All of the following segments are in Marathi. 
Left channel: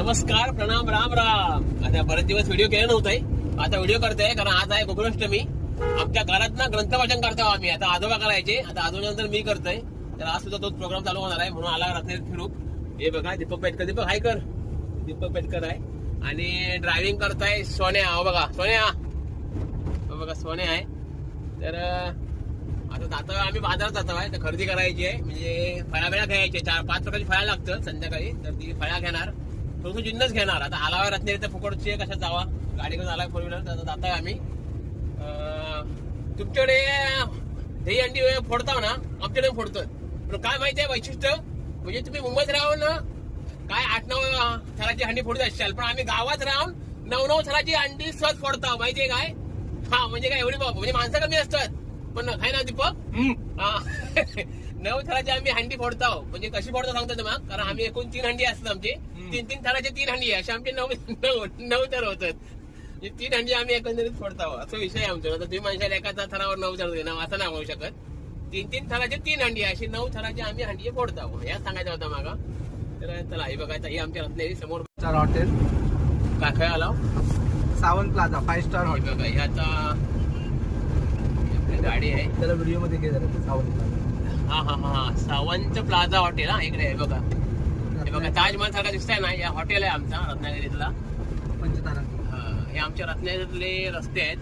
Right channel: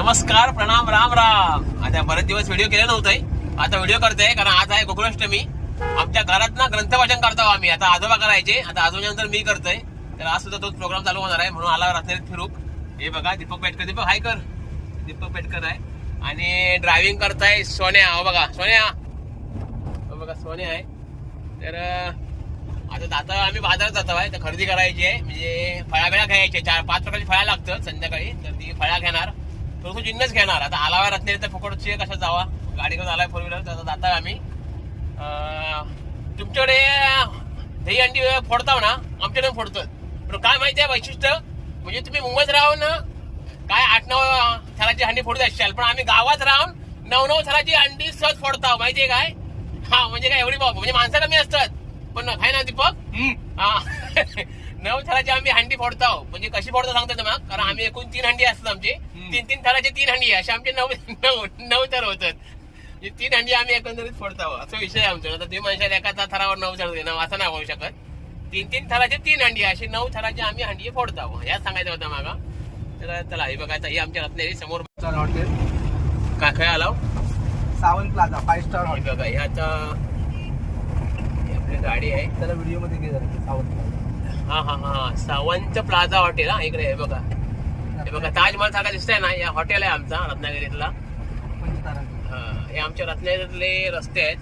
नमस्कार प्रणाम राम राम. आता बरेच दिवस व्हिडिओ केले नव्हते आता व्हिडिओ करते कारण आज आहे गोकुलाष्टमी आमच्या घरात ना ग्रंथ वाचन करतो आम्ही. आता आजोबा करायचे. आता आजोबानंतर मी करतोय. तर आज सुद्धा तोच प्रोग्राम चालू होणार आहे. म्हणून आला रत्नागिरीत फिरूक. हे बघा दीपक पेटकर दीपक हाय कर. दीपक पेटकर आहे. आणि ड्रायव्हिंग करताय सोन्या. हो बघा सोन्या. हो बघा सोन्या आहे. तर आता आता आम्ही बाजारात जातो आहे. तर खरेदी करायची आहे. म्हणजे फळ्या बिळ्या घ्यायच्या चार पाच प्रकारची फळ्या लागतात संध्याकाळी. तर ती फळा घेणार. थोडंसं जिन्नस घेणार. आता आलावा रत्नागिरी तर फुकटची कशा जावा? गाडी घेऊन आलाय फोर व्हीलर तर जाता आम्ही. अं, तुमच्याकडे दही अंडी फोडताव ना? आमच्याकडे फोडतो पण काय माहिती आहे वैशिष्ट्य? म्हणजे तुम्ही मुंबईत राहून ना काय आठ नऊ थराची अंडी फोडत असाल पण आम्ही गावात राहून नऊ नऊ थराची अंडी सहज फोडताव. माहितीये काय? हा म्हणजे काय एवढी बाब. म्हणजे माणसं कमी असतात. पण आहे ना दीपक? हा. नऊ थराची आम्ही हंडी फोडतो. म्हणजे कशी फोडतो सांगतो तुम्हाला? कारण आम्ही एकूण तीन हंडी असतात आमची. तीन तीन थराचे तीन हंडी आहे. असे आमचे नऊ नऊ नऊ थर होतात. म्हणजे तीन हंडी आम्ही एकंदरीत फोडतो. असा विषय आहे आमचा आता तुम्ही म्हणशाल एका थरावर नऊ थर देणार असं नाही होऊ शकत. तीन तीन थराचे तीन हंडी आहे. अशी नऊ थराची आम्ही हंडी फोडतो. याच सांगायचं होतं मागा. तर चला हे बघायचं. ही आमच्या रत्नागिरी समोर हॉटेल काय काय आलाव सावंत प्लाझा फाईव्ह स्टार हे बघा हे आता आपली गाडी आहे. त्याला व्हिडिओमध्ये घे सावंत. हा हा हा सावंत प्लाझा हॉटेल हा इकडे आहे बघा. हे बघा ताजमहल सारखा दिसतंय ना या हॉटेल आहे आमचा रत्नागिरीतला. हा, हे आमच्या रत्नागिरीतले रस्ते आहेत.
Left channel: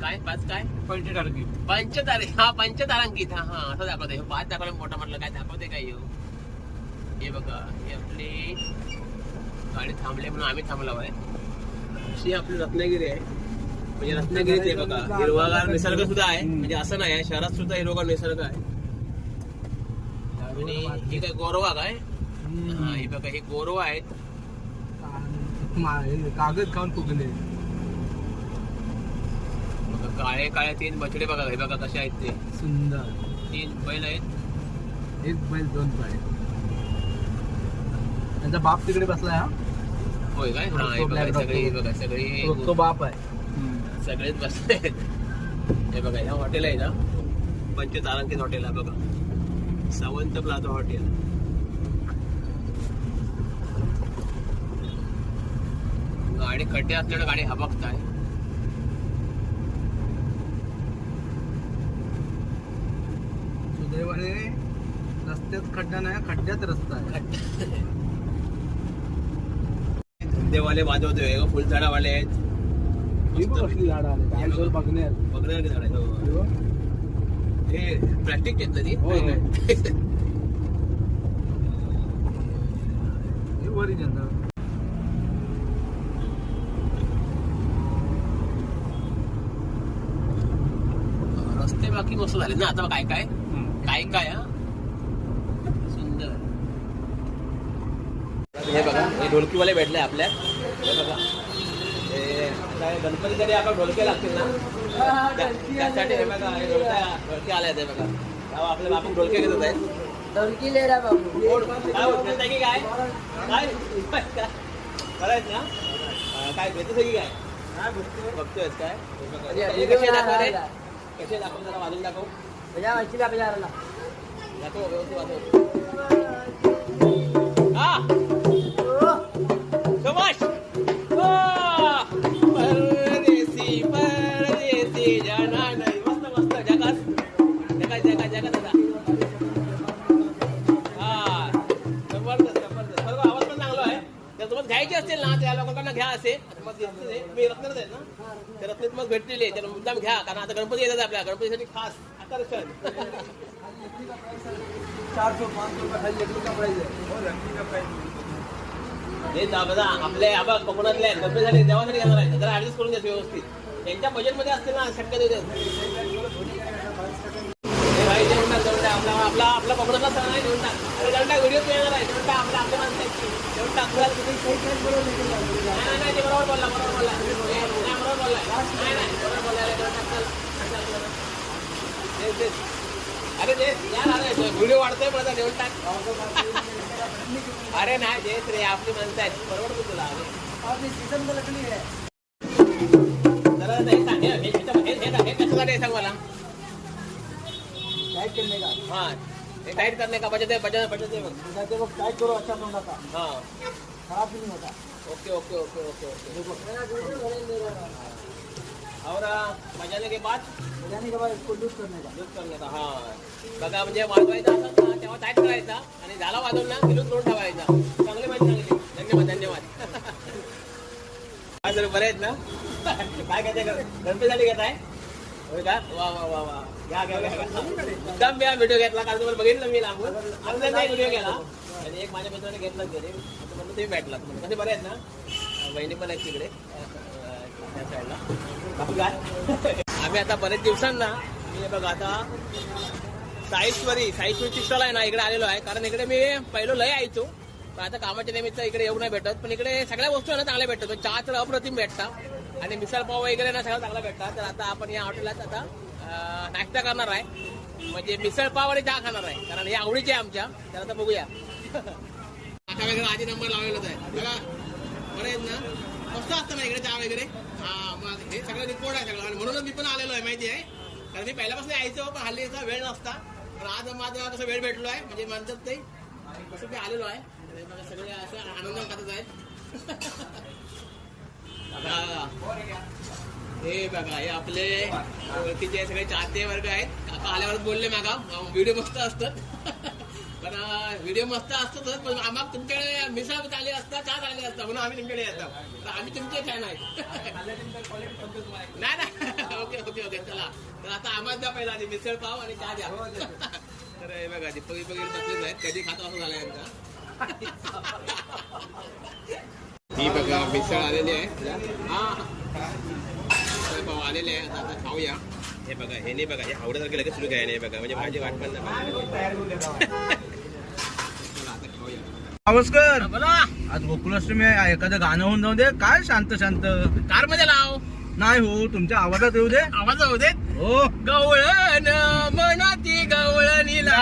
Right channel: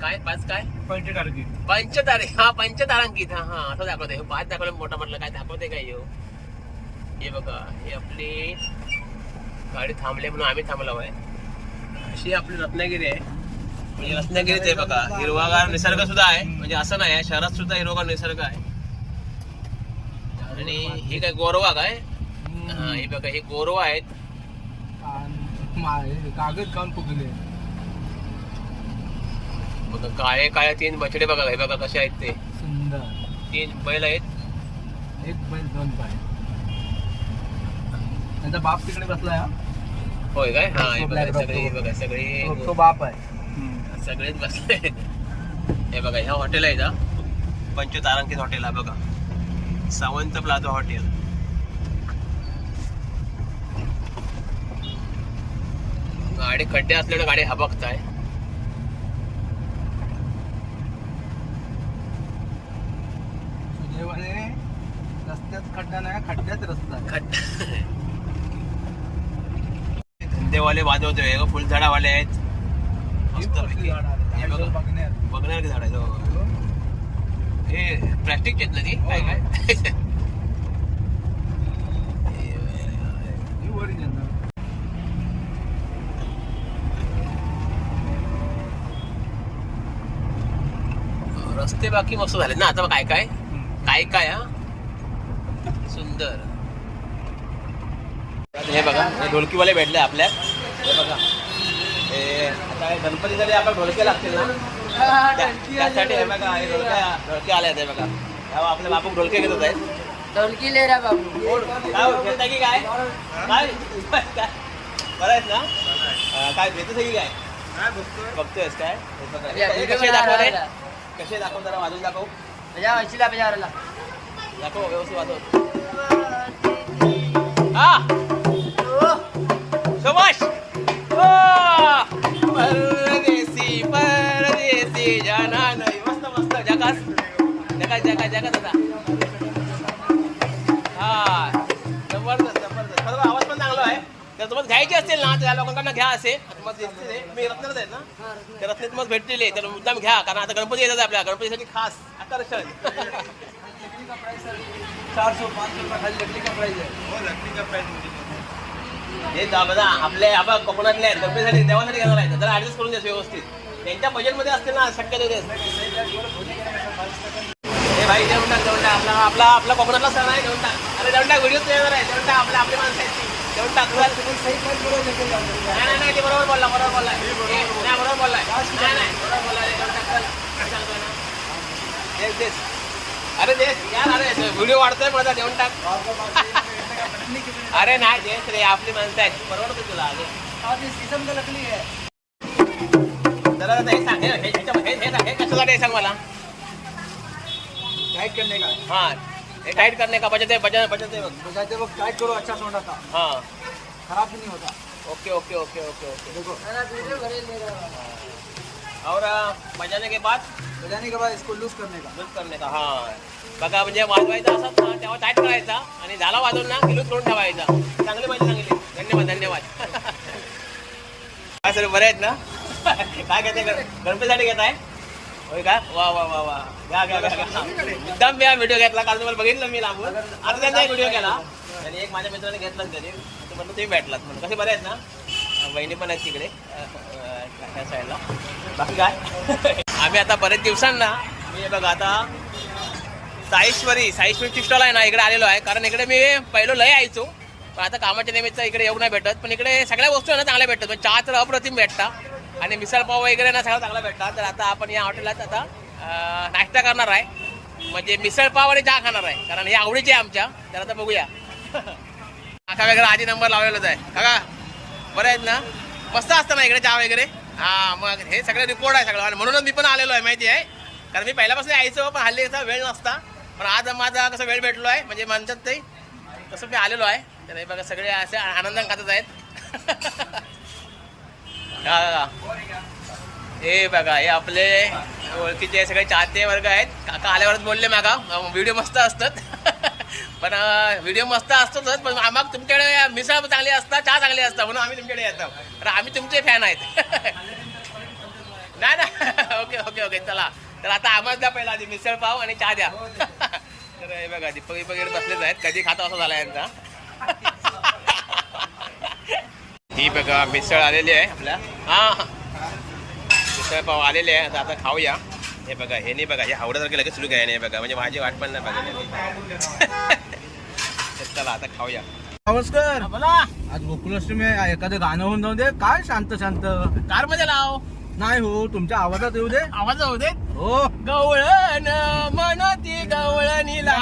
काय पाच काय? पंचतारांकित पंचतारे हा पंचतारांकित हा हा असं दाखवते हे पाच दाखवलं मोठा म्हटलं काय दाखवते काय येऊ हे बघा हे आपली गाडी थांबले म्हणून आम्ही थांबलो आहे. अशी आपली रत्नागिरी आहे. म्हणजे रत्नागिरीत आहे बघा हिरवागार निसर्ग सुद्धा आहे. म्हणजे असं नाही आहे शहरात सुद्धा हिरवागार निसर्ग आहे. आणि हे काय गोरवा काय? हा हे बघा हे गोरवा आहेत. कागद खाऊन फुगले. बघा काळे काळे तीन बछडे बघा हे बघा कसे आहेत ते. सुंदर. तीन बैल आहेत. एक बैल दोन पाय. त्यांचा बाप तिकडे बसलाय हा? होय काय? हा हे बघा सगळी हे बघा सगळी. तो- तो बाप आहे. सगळेच बसले हे बघा ह्या हॉटेल आहे ना पंचतारांकित हॉटेल आहे बघा. Sawant plaza hotel. गाडी खड्डे असल्याने गाडी हबकताय. सुदैवाने रस्त्यात खड्डा नाही खड्ड्यात रस्ता आहे. खड्डा. धंदेवाले वाजवतोय हे फुलझाडावाले आहेत. ही. कसली झाडं आली? हे. बघणार झाड आहे हो. हे आहेत ना ती हो. काय काय? ही. रस्ते बाकी मस्त झाले ना. आता काय काय? काय काय हा? सुंदर. हे बघा हे ढोलकीवाले भेटले आपल्या. हे बघा. हे गणपतीसाठी आपण ढोलके लागतील ना त्या- त्यासाठी हे बघा हे ढोलक्या ढोलके आले हे बघा. तेव्हा आपले बापू ढोलके घेत होते. ढोलकी ले रहा बाबू काय की काय? काय? काय? बरं आहेत ना? काय घेतच की काय? बघतोयस काय. कसे दाखव रे? बनवायला. कसे दाखव जरा वाजून दाखव. बजा ऐंशीला बजावला दाखव व्यवस्थित वाजव. हा. ओ! परदेसी परदेसी जाना नाही मस्त मस्त जगास जगास जगास जगास आता हा जबरदस्त जबरदस्त. सर्व आवाज पण चांगला आहे. तर तुम्हाला घ्यायचे असतील ना त्या लोकांना घ्या असे. मग हे. मी रत्नात आहेत ना? ते रत्नात मग भेटतील हे. तर मुद्दाम घ्या. कारण आता गणपती येतात आपल्या. गणपतीसाठी खास आकर्षण. चार सौ पाच सौ रुपये खाली लकडी का प्राइस आहे. हे बघा आपले आबा कोकणातले आहेत देवासाठी घेणार आहेत. जरा करून व्यवस्थित. त्यांच्या बजेटमध्ये असतील ना शक्यतो ते. हे भाई देऊन टाक देऊन टाक. आपला आपला आपला कोकणातला सण आहे देऊन टाक. अरे देऊन टाक व्हिडिओ येणार आहे देऊन टाक आपले आपले माणसं आहेत टाक. नाही नाही, नाही ते बरोबर बोलला बरोबर बरोबर नाही नाही बरोबर तेच. अरे तेच यार अरे व्हिडिओ वाढतोय माझा देऊन टाक. अरे नाही देत रे आपली माणसं आहेत. परवडते तुला और ये शीशम का लकड़ी है जरा आता हे सांग हे- हे- हे- हे हे मला. टाइट करने का हा हे टाईट करणे का? बचत आहे बचत बचत आहे बघ बजाते वक्त टाइट करो अच्छा आता. हा. खराब भी नहीं होता. Okay okay okay okay okay. देखो और अ, बजाने के बाद? बजाने के बाद इसको लूज करने का। लूज करणे का हा। बघा म्हणजे वाजवायचा असत ना तेव्हा टाईट करायचा आणि झाला वाजवून ना लूज करून ठेवायचा. चांगली माहिती सांगितली धन्यवाद धन्यवाद. काय सर बरे आहेत ना? काय घेते गणपतीसाठी घेत आहे होय का? वा वा वा वा. घ्या घ्या. एकदम मी व्हिडिओ घेतला कारण तुम्हाला बघितलं मी लागून अर्ध्यांदा व्हिडिओ केला. आणि एक माझ्या मित्राने घेतलाच तरी. म्हणलं तुम्ही भेटलात म्हणून. कसे बरे आहेत ना? बहिणी पण आहेत तिकडे. साईडला बाकी काय आम्ही आता बरेच दिवसांना मी बघा आता साईश्वरी साईश्वरी टी स्टॉल आहे ना इकडे आलेलो आहे. कारण इकडे मी पहिलं लय यायचो पण आता कामाच्या निमित्त इकडे येऊ नाही भेटत. पण इकडे सगळ्या वस्तू आहे ना चांगल्या भेटतात. चहा तर अप्रतिम भेटता. आणि मिसळ पाव वगैरे ना सगळं चांगला भेटतात. तर आता आपण या हॉटेलात आता नाश्ता करणार आहे. म्हणजे मिसळ पाव आणि चहा खाणार आहे. कारण हे आवडीचे आहे आमच्या. तर आता बघूया. काका वगैरे आधी नंबर लावलेलाच आहे. काका बरं आहेत ना? मस्त असतं ना इकडे चहा वगैरे? हा मग हे सगळं रिपोर्ट आहे सगळं. आणि म्हणूनच मी पण आलेलो आहे माहिती आहे? कारण मी पहिल्यापासून यायचो पण हल्ली कसा वेळ नसता. पण आज माझा कसं वेळ भेटलो आहे म्हणजे म्हणतात ते तसं मी आलेलो आहे. तर हे बघा सगळे असे आनंद खातच आहेत. हे बघा हे आपले ओळखीचे सगळे चाहते वर्ग आहेत. काका आल्यावरच बोलले मागा. व्हिडिओ मस्त असतात. पण व्हिडिओ मस्त असतोच पण आम्हाला तुमच्याकडे मिसळ चांगली असतात चहा चांगली असतात म्हणून आम्ही तुमच्याकडे येतो. तर आम्ही तुमचे फॅन आहेत. नाही ना ओके ओके ओके. चला. तर आता आम्हाला द्या पहिला आधी. मिसळ पाव आणि चहा द्या. तर हे बघा दीपक वगैरे बसलेच आहेत. कधी खाता असं झाला यांचा? ही बघा मिसळ आलेली आहे आपल्या. हा. मिसळ पाव आलेले आहे. आता आता खाऊया. हे बघा हे नाही बघा हे आवडत लगेच सुरू काय नाही बघा. म्हणजे माझी वाट पण नाही बघा चला आता खाऊया. नमस्कार बोला. आज गोकुलाष्टमी आहे. एखादं गाणं होऊन जाऊ दे. काय शांत शांत. कारमध्ये लाव. नाही हो तुमच्या आवाजात येऊ दे. आवाज होऊ दे हो. गवळण मनाती गवळणीला.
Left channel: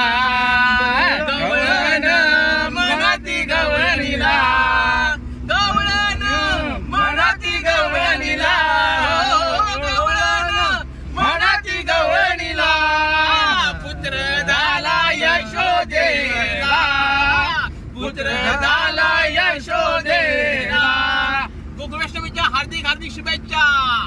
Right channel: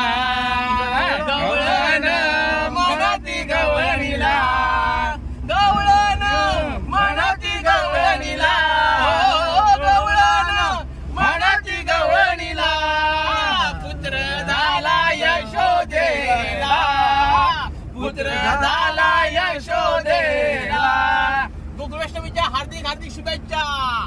झाला यशोदेला